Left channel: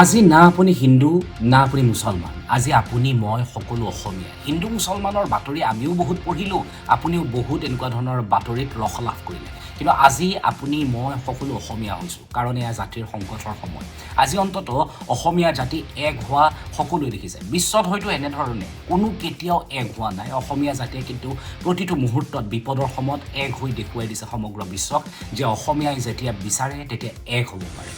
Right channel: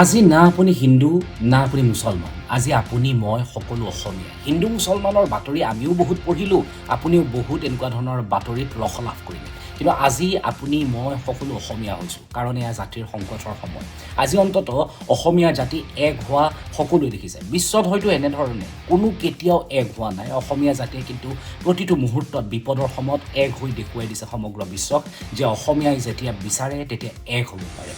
আজি না আপুনি হিন্দু না আপুনি মুছলমান, আজি আপুনি মই সকলো অসমীয়া। হিন্দু মুছলমানৰ বাতৰি আমিও বহুত পঢ়িলোঁ, আপুনিও বহুত এনেকুৱা ধৰণৰ বাতৰিত ৰস লাভ কৰিলে। কিন্তু আজি আপুনি মই সকলো অসমীয়া হৈছোঁ, কাৰণ এয়া জাতিৰ সংকটৰ সময়। আজি অন্তত অসমীয়া জাতি এক হোৱা সকলোৱে দেখিছে। বিশ্বত হয়তো এনেধৰণে কোনো কেতিয়াও এক হোৱা নাই। অসমীয়া জাতিয়ে কিন্তু প্ৰতিটো মুহূৰ্তত বিপদৰ সময়ত এক হৈ দেখুৱাই দিছে সমগ্ৰ বিশ্বক যে অসমীয়াই যেতিয়া বিচাৰে তেতিয়া এক হ'ব পাৰে।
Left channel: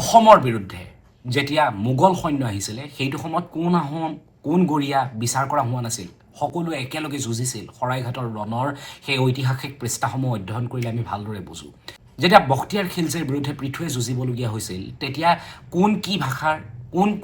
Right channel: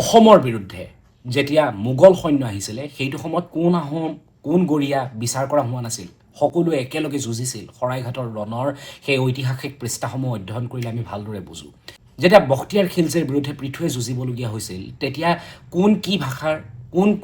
অসমৰ বিৰুদ্ধে যেতিয়া মোগল সৈন্য আহিছিলে সেইটো সময়ত কোন আহোম কোন গৰীয়া বিচাৰ কৰা হোৱা নাছিল, সকলোৱে একেলগে যুঁজিছিল। শৰাইঘাটৰ ৰণৰ সেই ঐতিহাসিক পৃষ্ঠাসমূহ অধ্যয়ন কৰিলে আমি ভালদৰে বুজোঁ। যেতিয়া বখতিয়াৰ খিলজীৰ বিৰুদ্ধে পৃথুৱে যুঁজিবলগীয়া হৈছিল তেতিয়া কোন কি ভাষাৰ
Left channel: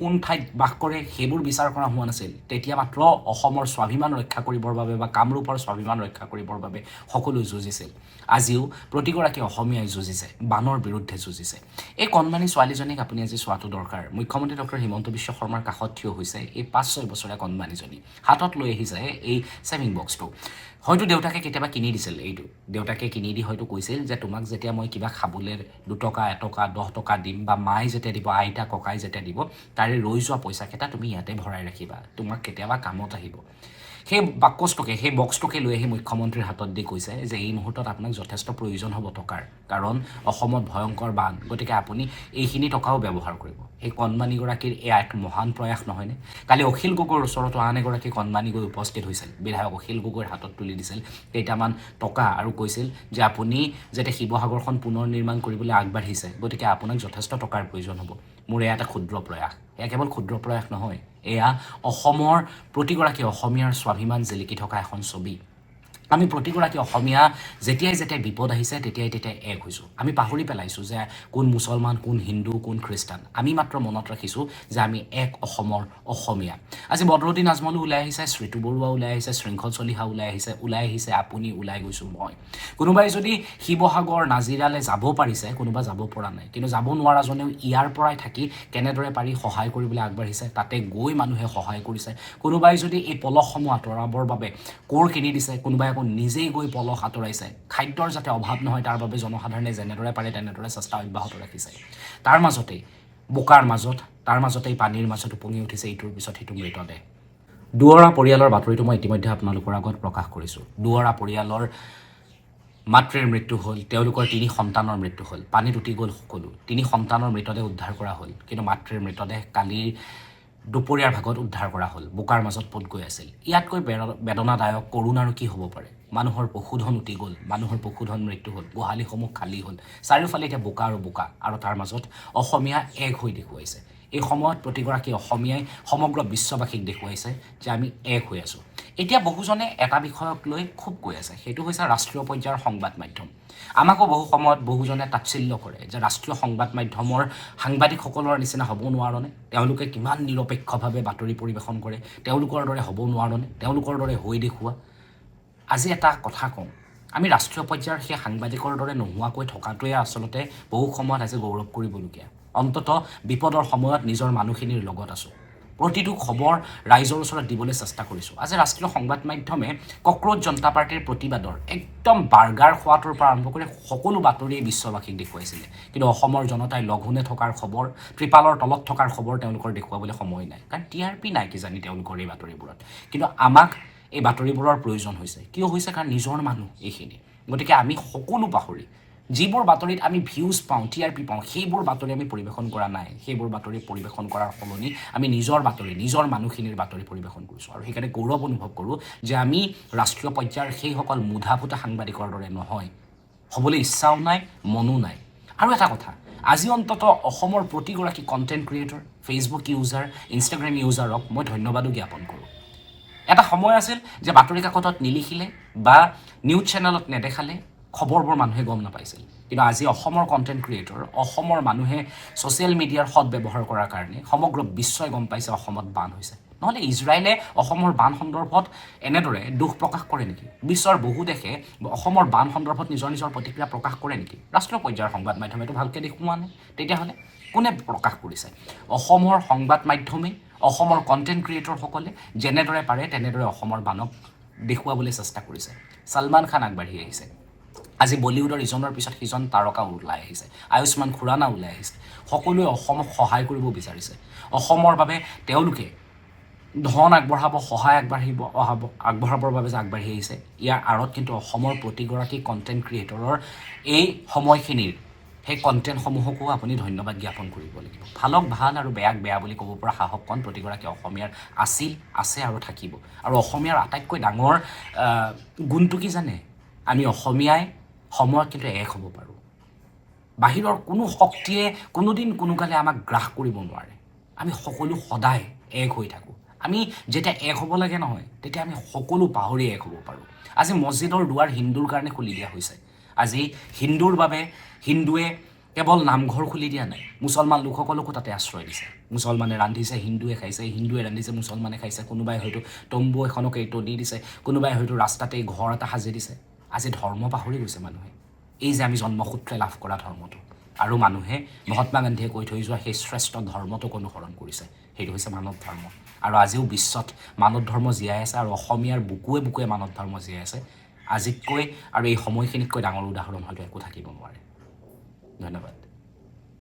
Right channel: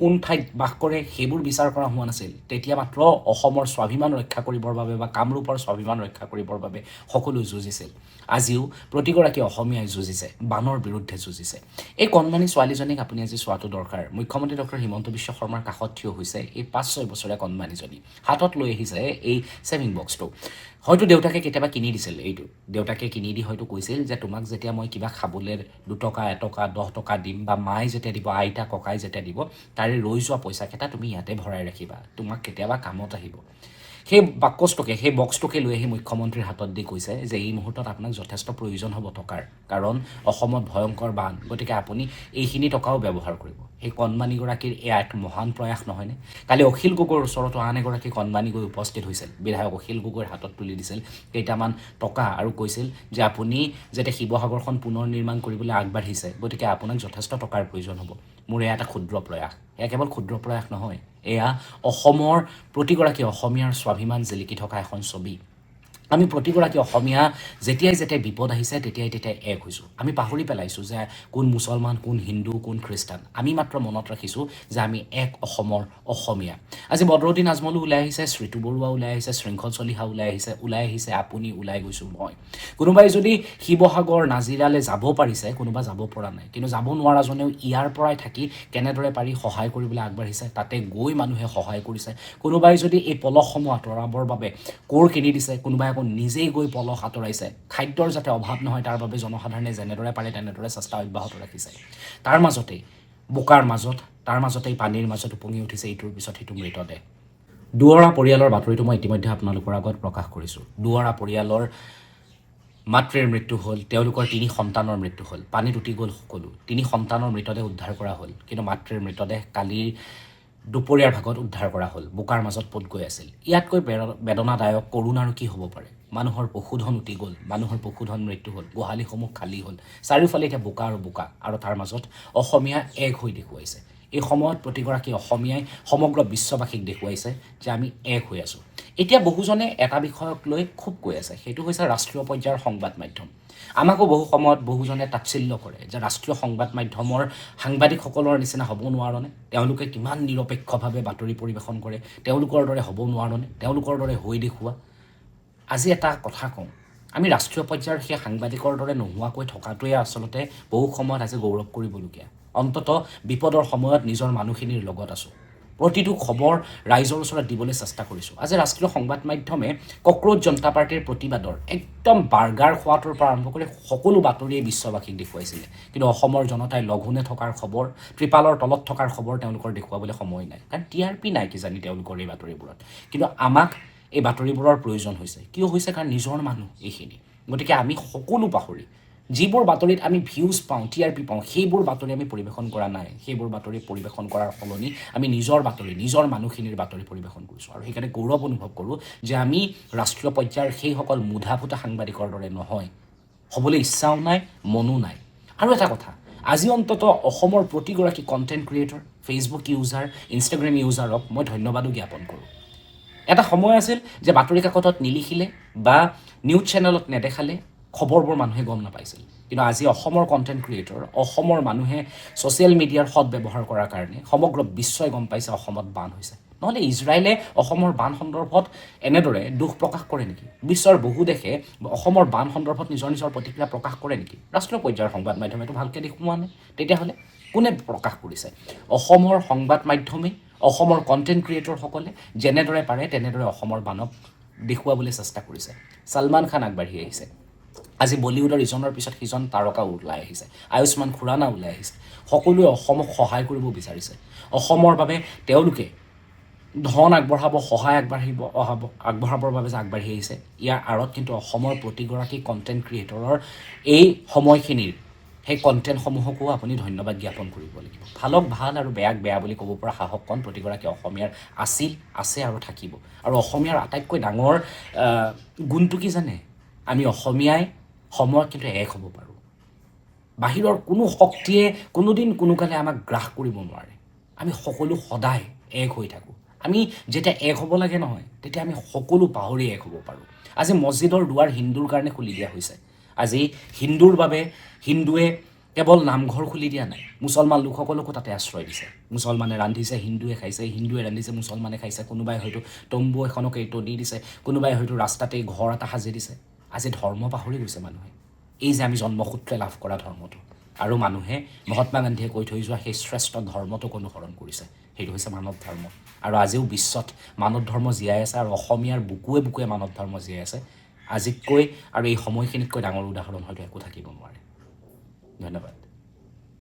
কোন ঠাইত বাস কৰে সেইবোৰ বিচাৰ কৰা হোৱা নাছিল। তেতিয়া মাত্ৰ অসমৰ স্বাভিমান ৰক্ষা কৰিবৰ বাবে বা কামৰূপৰ স্বাভিমান ৰক্ষা কৰিবৰ বাবে সকলো যুঁজিছিল। আজিও প্ৰতিগৰাকী অসমীয়াই যুঁজিছে, বানৰ বিৰুদ্ধে যুঁজিছে। এই কণমানি ছোৱালীজনীক আপুনি আজি চোৱাটো দৰকাৰ। মুখ্যমন্ত্ৰী ডক্টৰ হিমন্ত বিশ্ব শৰ্মাৰ কাষত থিয় হৈছে এই 5-6 বছৰীয়া কণমানিজনী। হাতত লৈ আহিছে এই ছেভিং বক্সটো। হয়তো দেউতাকে কেতিয়াবা কিনি দিছিল এইটো। দেউতাকে কিনি দি হয়তো কৈছিল যে তোমাক যেতিয়া মই কিবা খাবলৈ 2 টকা 1 টকা 10 টকা দিম, বা মায়ে যেতিয়া দিব, আইতা ককাই যেতিয়া দিব, তাৰে ৰৈ যোৱা পইচাকেইটা তুমি ইয়াতে ভৰাই ৰাখিবা, তোমাক কেতিয়াবা কামত আহিব। সেই বাকচটোকে সেই বক্সটোকে লৈ আহি মুখ্যমন্ত্ৰীৰ হাতত দি কৈছে যে এই মুহূৰ্তত আপোনাক যথেষ্ট প্ৰয়োজন হ'ব টকাৰ, কাৰণ অসমত ভয়ংকৰ বান, গতিকে আপুনি এইখিনি টকাও ব্যৱহাৰ কৰিব। সেই কণমানিগৰাকীৰ এয়া এক মহান প্ৰয়াস নহয়নে? কালি অখিল গগৈৰ ওচৰতো আন এগৰাকী কণমানি গৈ উপস্থিত হৈছিল। বিধায়ক অখিল গগৈৰ হাতত তুলি দিছিল কেইটামান টকা আৰু কৈছিল যে আপুনি যেতিয়া শিৱসাগৰখন পুনৰ নিৰ্মাণ কৰিবলৈ আগবাঢ়িছে, গতিকে আপোনাক যথেষ্ট টকাৰ প্ৰয়োজন হ'ব। মোৰ এয়া এটা ক্ষুদ্ৰ প্ৰয়াস। এয়া কেৱল ক্ষুদ্ৰ প্ৰয়াস নহয়, এয়া অসমৰ প্ৰতিগৰাকী অসমীয়াৰ স্বাভিমান জিলিকি থকা এখন ছবি। আমি প্ৰতিগৰাকী অসমীয়া যেতিয়াই বিপদ আহিছে তেতিয়াই এক হৈছোঁ। আমি পাহৰি পেলাইছোঁ যে কোন মুছলমান, কোন হিন্দু, কোন খ্ৰীষ্টান। আমি মাত্ৰ মনত ৰাখিছোঁ যে আমি এক অসমৰ অসমীয়া। আজি বদৰুদ্দিন আজমলো ওলাই আহিছে, শ্ৰীতু বৰুৱা ওলাই আহিছে, শৃংখল চলিহা ওলাই আহিছে আপুনি, ওলাই গৈছোঁ মই। কোনোবাই যদি শিৱসাগৰ নাজিৰালৈ যাব পাৰিছে, কোনোবা যাব পৰা নাই। কিন্তু যাব নোৱাৰাজনেও ইয়াৰ পৰাই থাকি কেনেদৰে পাৰি সহায় কৰিবলৈ আগবাঢ়িছে, তাতে গৈ মানুহে সহায় কৰিছে। কোনোবাই যদি এই পলহসমূহ আঁতৰাবৰ বাবে কোৰ কিনি দিছে, কোনোবাই আকৌ নিজেই গৈ পলহ আঁতৰাইছে। খাদ্যৰ যাতে অভাৱ নহয় তাৰ বাবে জনসাধাৰণে যেনেদৰে পাৰে তেনেদৰে চেষ্টা অব্যাহত ৰাখিছে। তাৰ মাজতেই বোকাৰ মাজত, তাৰ মাজতেই পানীৰ মাজত উপঙি উঠিছে ইটোৰ পিছত সিটো মৃতদেহ। দুৱৰা পৰিয়ালৰ বাতৰিটো মই ইতিমধ্যে আপোনালোকৰ আগত প্ৰকাশ কৰিছোঁ। দুৱৰা পৰিয়ালৰ মাতৃৰ মৃত্যু হ'ল, তেওঁলোকৰ 3 সন্তানৰ মৃত্যু হ'ল, পানীত উটি গ'ল সকলো। 3 সন্তানৰ মৃতদেহ উদ্ধাৰ কৰা হ'ল, কিন্তু মাতৃৰ মৃতদেহ কালিৰ দুপৰীয়াৰ ভাগত উদ্ধাৰ কৰা হ'ল, বোকাৰ মাজত পোত গৈ আছিল। ইয়াতকৈ বেদনাদায়ক, কৰুণ আৰু কি হ'ব পাৰে? মানুহৰ পশুধন উটি গ'ল, মানুহৰ পশুধন মৃত্যু হ'ল, গোহালিসমূহ খালী হ'ল, চাৰিওফালে এতিয়া বোকা আৰু বোকা, আৰু তাৰ মাজত অসমীয়া এক হৈ দেখুৱাইছে। এই সময়ত প্ৰতিগৰাকী অসমীয়াই সমগ্ৰ বিশ্ববাসীক দেখুৱাইছে যে আমি এক হৈ আছোঁ। এতিয়া বহুজনে এটা বিষয়ক লৈ খুব কৈ আছে, সেইটো হৈছে ৰাষ্ট্ৰীয় পৰ্যায়ৰ সংবাদ মাধ্যম। আমাকো বহু সময়ত বহুজনে তাচ্ছিল্য কৰে যে ৰাষ্ট্ৰীয় সংবাদ মাধ্যমৰ সাংবাদিকসকলৰ নিচিনা হ'ব নোৱাৰনে? তেওঁলোকে কিমান নিৰপেক্ষভাৱে বাতৰি পৰিৱেশন কৰে, তেওঁলোকৰ দৰে হ'ব নোৱাৰনে? তেওঁলোকৰ দৰে হৈ দেখুওৱা। আজি এটা কথা কওঁ, আমি ৰাষ্ট্ৰীয় পৰ্যায়ৰ সেই সাংবাদিকৰ দৰে নোহোৱাকৈ থকাটোৱে আচলতে বহু সময়ত আজি গৌৰৱ কৰিবলগীয়া। অন্তত বিপদৰ সময়ত নিজৰ মানুহখিনিৰ লগত আছোঁ, প্ৰতিটো খবৰ ৰাইজৰ ওচৰত দিবলৈ চেষ্টা কৰিছোঁ। আজি ৰাষ্ট্ৰীয় সংবাদ মাধ্যমে কক্ৰোচ জনতা পাৰ্টীৰ প্ৰতিবাদৰ একদম বাৰ্গাৰ খোৱাটোৰ পৰা আৰম্ভ কৰি সকলো বাতৰিয়ে বিশ্ববাসীক দেখুৱাইছিলে। কিন্তু অসমৰ জনতাই লঘোণে থকাৰ খবৰ, ত্ৰিপালৰ তলত থকাৰ খবৰ তেওঁলোকৰ দেখুৱাবলৈ সময় নাই, কাৰণ TRP নাই কিজানি তেওঁলোকৰ এই বাতৰিবোৰত। কিন্তু আমাক এই বাতৰিবোৰৰ প্ৰয়োজন হৈছে। কিয় হৈছে? কাৰণ নিজৰ মানুহ এইখিনি। গতিকে আমি সকলো পাহৰি যিবোৰ বাতৰিত আমি ভিউজ পাওঁ, TRP পাওঁ, সেইবোৰ বাতৰি আমি পৰিৱেশন কৰা নাই। সেইবোৰ বাতৰি পৰিৱেশন কৰাৰ সলনি আমি নিজৰ বাতৰি, নিজৰ মানুহখিনিৰ বাতৰি পৰিৱেশন কৰিছোঁ। আৰু সেইকাৰণে গৌৰৱ অনুভৱ কৰোঁ যে আমি ৰাষ্ট্ৰীয় পৰ্যায়ৰ সেইসকল মুধা ফুটা সাংবাদিকৰ দৰে নহয়, হ'বলৈ ইচ্ছাও নাই, মনো নাই। আৰু এটা কথা, আজি অন্তত অসমৰ প্ৰতিগৰাকী content creator, Facebook user, Instagram ইউজাৰক মই ধন্যবাদো জ্ঞাপন কৰোঁ। এটা সময় আছিল যে বাতৰি কাকতত নিলিখিলে বা নিউজ চেনেলত নেদেখালে খবৰবোৰ মানুহে গম নাপাইছিল। কিন্তু আজি অসমৰ কণ্টেণ্ট ক্ৰিয়েটৰ, অসমৰ মানুহে ছ'চিয়েল মিডিয়াৰ সৎ ব্যৱহাৰ কৰাৰ কাৰণে সমগ্ৰ বিশ্বই গম পাইছে অসমত বান হৈছে। নহ'লে ইজৰাইলে অসমৰ বান সন্দৰ্ভত এনেদৰে দুখ প্ৰকাশ কৰে নেকি? বিশ্বৰ বহু দেশে অসমৰ বান সন্দৰ্ভত নিজৰ প্ৰতিক্ৰিয়া প্ৰকাশ কৰে নেকি? ৰাষ্ট্ৰীয় পৰ্যায়ৰ সংবাদ মাধ্যমেতো ভালকৈ দেখুওৱা নাই। তেতিয়াহ'লে কোনে প্ৰকাশ কৰিছে? অসমৰ সংবাদ মাধ্যমে, অসমৰ কণ্টেণ্ট ক্ৰিয়েটৰসকলে যেনেদৰে পাৰে তেনেদৰে অসমৰ বানক দেখুৱাবলৈ চেষ্টা কৰিছে। ছলমান খান আগবাঢ়ি আহিছে। আজি বলিউডৰ ইজনৰ পিছত সিজন তাৰকা ওলাই আহিছে, আয়ুষ্মান খুৰানা ওলাই আহিছে, সকলোৱে অসমক সহায় কৰিব বিচাৰিছে। অসমৰ বাবে তেওঁলোকে ধন আগবঢ়াব, সহায় আগবঢ়াবৰ বাবে যে আগবাঢ়ি আহিছে, ইয়াৰ আঁৰত কিন্তু অসমৰ প্ৰতিগৰাকী কণ্টেণ্ট ক্ৰিয়েটৰৰ এই সময়খিনিৰ সেই কণ্টেণ্টসমূহকো আপুনি ধন্যবাদ জ্ঞাপন কৰিব লাগিব। ভালক ভাল আৰু বেয়াক বেয়া বুলি ক'ব পৰা সাহসকণ প্ৰতিগৰাকী অসমীয়াৰ আছিল, আছে আৰু থাকিব। আৰু অসমীয়াৰ আটাইতকৈ ডাঙৰ গুণটো কি জানে? আমি অসমীয়াই সময়ত কিন্তু এক হ'ব পাৰোঁ। বাহিৰৰ কোনো শক্তিয়ে কোনোদিন কোনোকালে আমাক গ্ৰাস কৰিব নোৱাৰে। আমি সকলো সদায় এক হৈ থাকোঁ। আমি যেতিয়া এক হ'ব লাগে নহয়, তেতিয়া আমি সকলো পাহৰি এক হ'ব পাৰোঁ। আজি মছজিদৰ দুৱাৰ হিন্দুৰ কাৰণে খুলি দিয়া হৈছে। আজি হিন্দুৰ বাবে হিন্দুৱে কেৱল নামঘৰ খুলি দিয়া নাই, মুছলমান লোকসকলকো তাতে আশ্ৰয় দিছে। মুছলমানে ৰান্ধিছে, হিন্দুৱে খাইছে, হিন্দুৱে ৰান্ধিছে, মুছলমানে খাইছে। কোনোবাই হয়তো তম্বু এখনকে টনি দিছে, কোনোবাই হয়তো ৰাস্তাতেই ঘৰ এটা সাজি দিছে। আজি ধৰ্ম পাহৰি গৈছে মানুহে, এই যে আমি জন্মসূত্ৰে লাভ কৰা ধৰ্মটো। আৰু মানুহে মহাত্মা গান্ধীয়ে কৈ থৈ যোৱা সেই শ্ৰেষ্ঠ ধৰ্মটোক অনুসৰণ কৰিছে, সেইটো হৈছে মানৱ ধৰ্ম। আৰু আজিও বিশ্বত মানৱ ধৰ্ম জীয়াই আছে, আৰু অসমীয়াৰ বুকুৱে বুকুৱে মানৱ ধৰ্ম জীয়াই আছে। আজিতকৈ আৰু এই সময়খিনিতকৈ ডাঙৰ উদাহৰণ হয়তো একো থাকিব নোৱাৰে। ধন্যবাদ।